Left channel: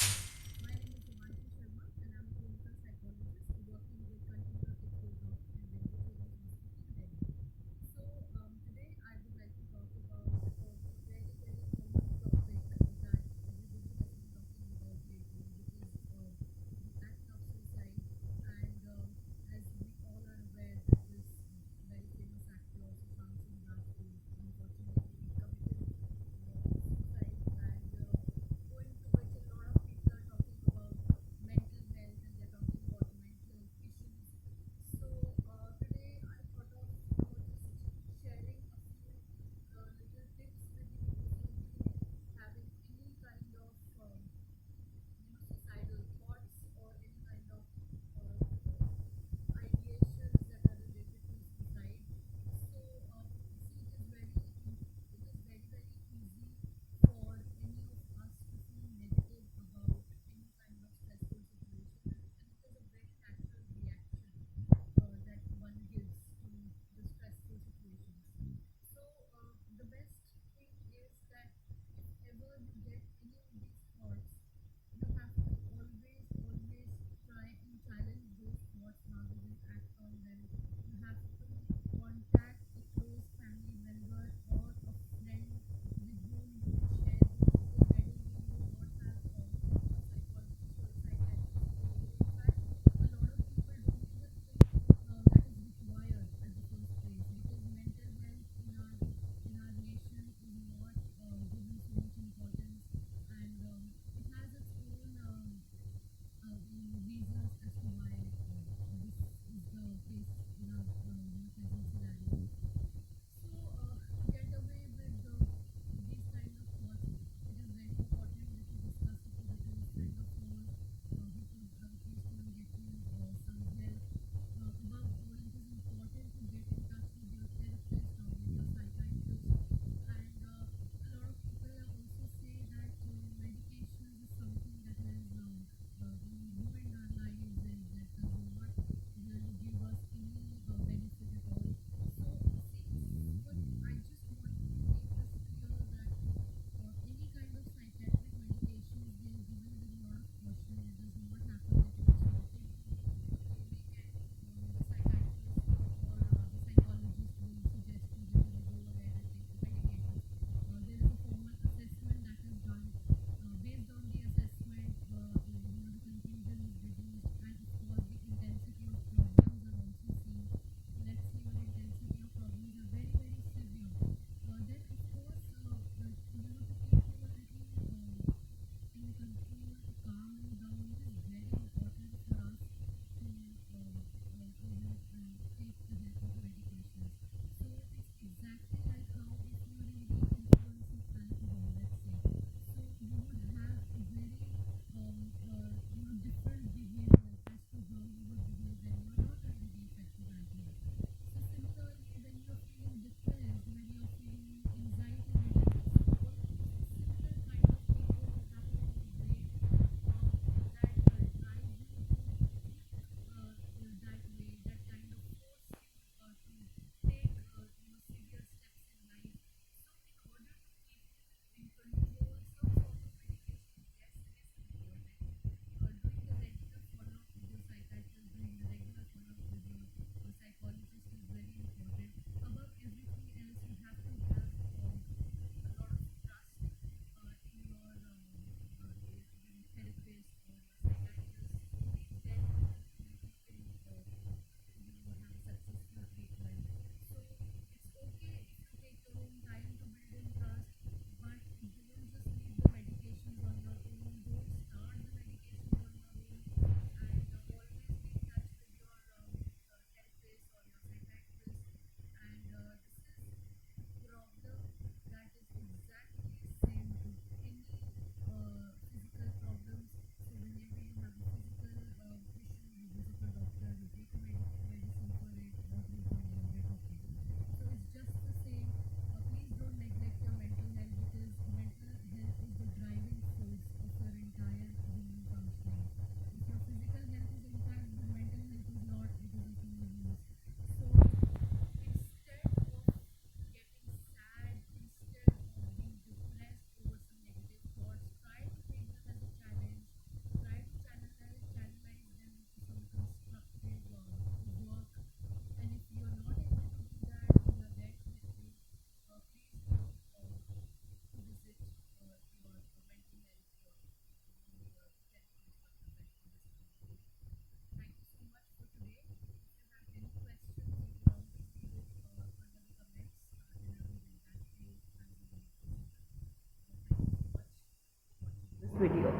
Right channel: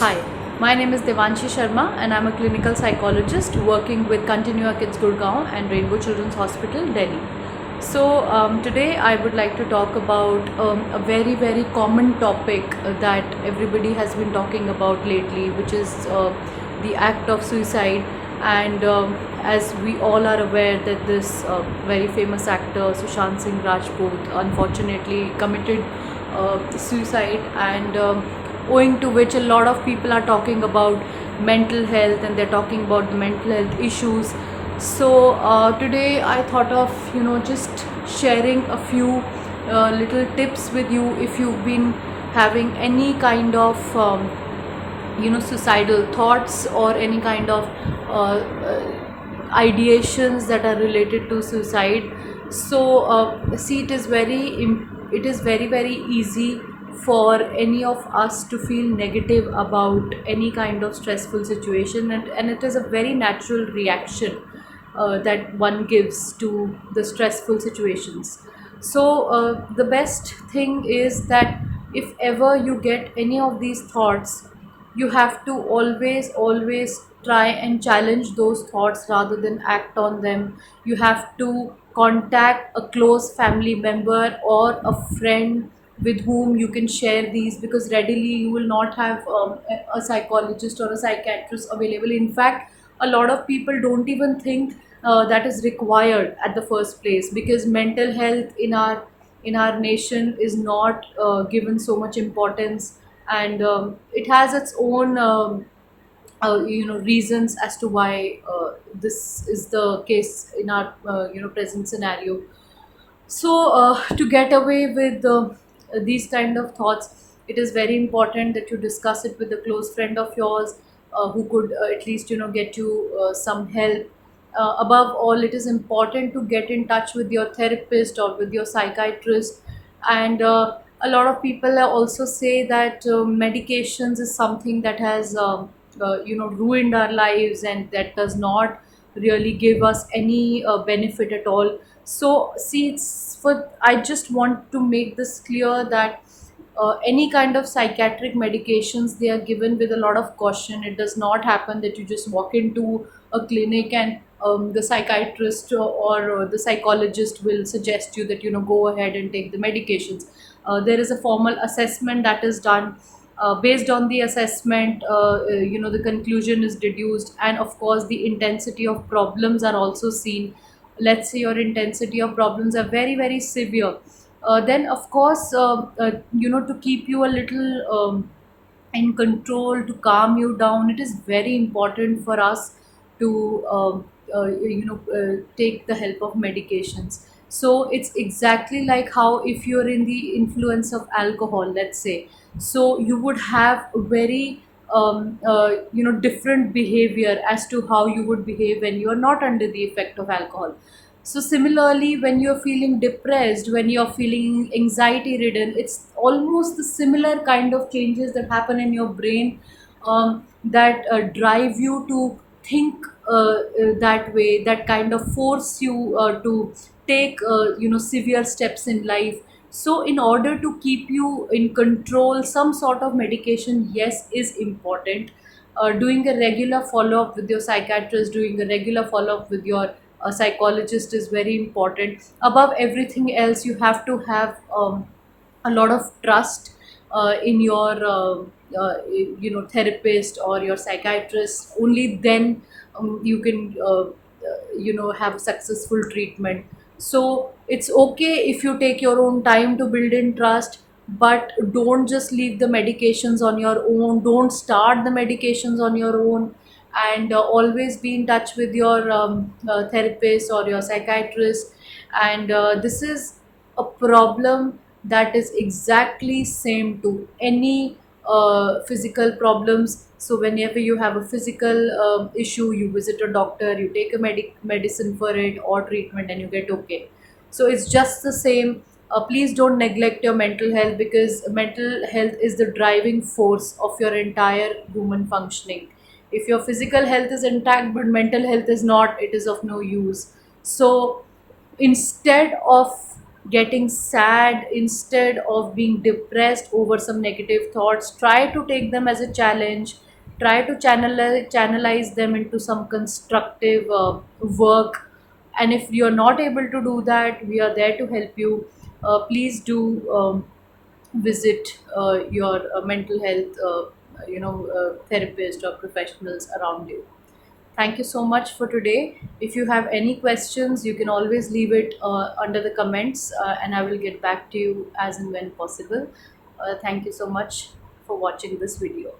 Hi, my name is Devanshi Sharma and I'm a clinical psychologist working with Continua Kids Gurgaon and Rainbow Children's Hospital, Delhi. Today I would like to talk about a very common topic that everybody has been talking about lately, which is the act of suicide. And As we all are aware that this very famous actor Sushant Singh Rajput unfortunately committed suicide, and owing to which a lot of people are talking about mental health and they're talking about the mental health issues. Today I thought of just sharing a few little tips with you if you've been having any kind of suicidal thoughts or any kind of ideations that are related to suicide. See, it is very easy for any of us to feel negative about any kind of stressful situation, and it is a very natural reaction that one gives to the stressful situations. The best thing is that if ever you get any of these thoughts, you have to always try and challenge those thoughts rather than act on them. You have to contact a close family member or a friend with whom you can share these, because readily you will not have a psychologist or a psychiatrist available. In fact, a lot of people don't even think that is required at the first place, because mental health in our nation is not given so much importance, and it has its own reasons as to why this is the case in our present scenario. To get away with these kind of thoughts, it is very important that you discuss it with a close friend of yours who could at least get you some help. Above all, it is important to get in touch with your therapist or with your psychiatrist. And a lot of people also say that medications is something that has ruined our lives, and that does not really give us any benefit at all. I just want to make this clear that any kind of psychiatric medications, they are given with a lot of caution. It does not happen that you just walk into a clinic and the psychiatrist or the psychologist will suggest you that go ahead and take the medications. There is a formal assessment that is done. Based on the assessment, the conclusion is deduced, and of course the intensity of problems are also seen. Let's say your intensity of problems are very severe, then of course to keep you a little in control, to calm you down, it is very important for us to take the help of medications. So it's exactly like how if you're in the influence of alcohol, let's say, so you would have a very different behavior as to how you would behave when you are not under the effect of alcohol. So similarly, when you're feeling depressed, when you're feeling anxiety ridden, it's almost the similar kind of changes that happen in your brain, that drive you to think that way, that kind of force you to take severe steps in life. So in order to keep you in control, some sort of medication, yes, is important. Doing a regular follow up with your psychiatrist, doing a regular follow up with your psychologist is very important. Above everything else, you have to have a lot of trust in your therapist or your psychiatrist. Only then you can have successful treatment. So it's okay if you take your own time to build in trust, but don't just leave the medications on your own, don't start the medications on your own. And always be in touch with your therapist or your psychiatrist. And this is a problem that is exactly same to any physical problems. So whenever you have a physical issue, you visit a doctor, you take a medicine for it or treatment, and you get okay. So it's just the same. Please don't neglect your mental health, because mental health is the driving force of your entire human functioning. If your physical health is intact but mental health is not, it is of no use. So instead of getting sad instead of being depressed over some negative thoughts. Try to take them as a challenge, try to channelize them into some constructive work. And if you're not able to do that, we are there to help you. Please do visit your mental health therapist or professionals around you. Thank you so much for today. If you have any questions, you can always leave it under the comments, and I will get back to you as and when possible. Thank you so much for watching this video.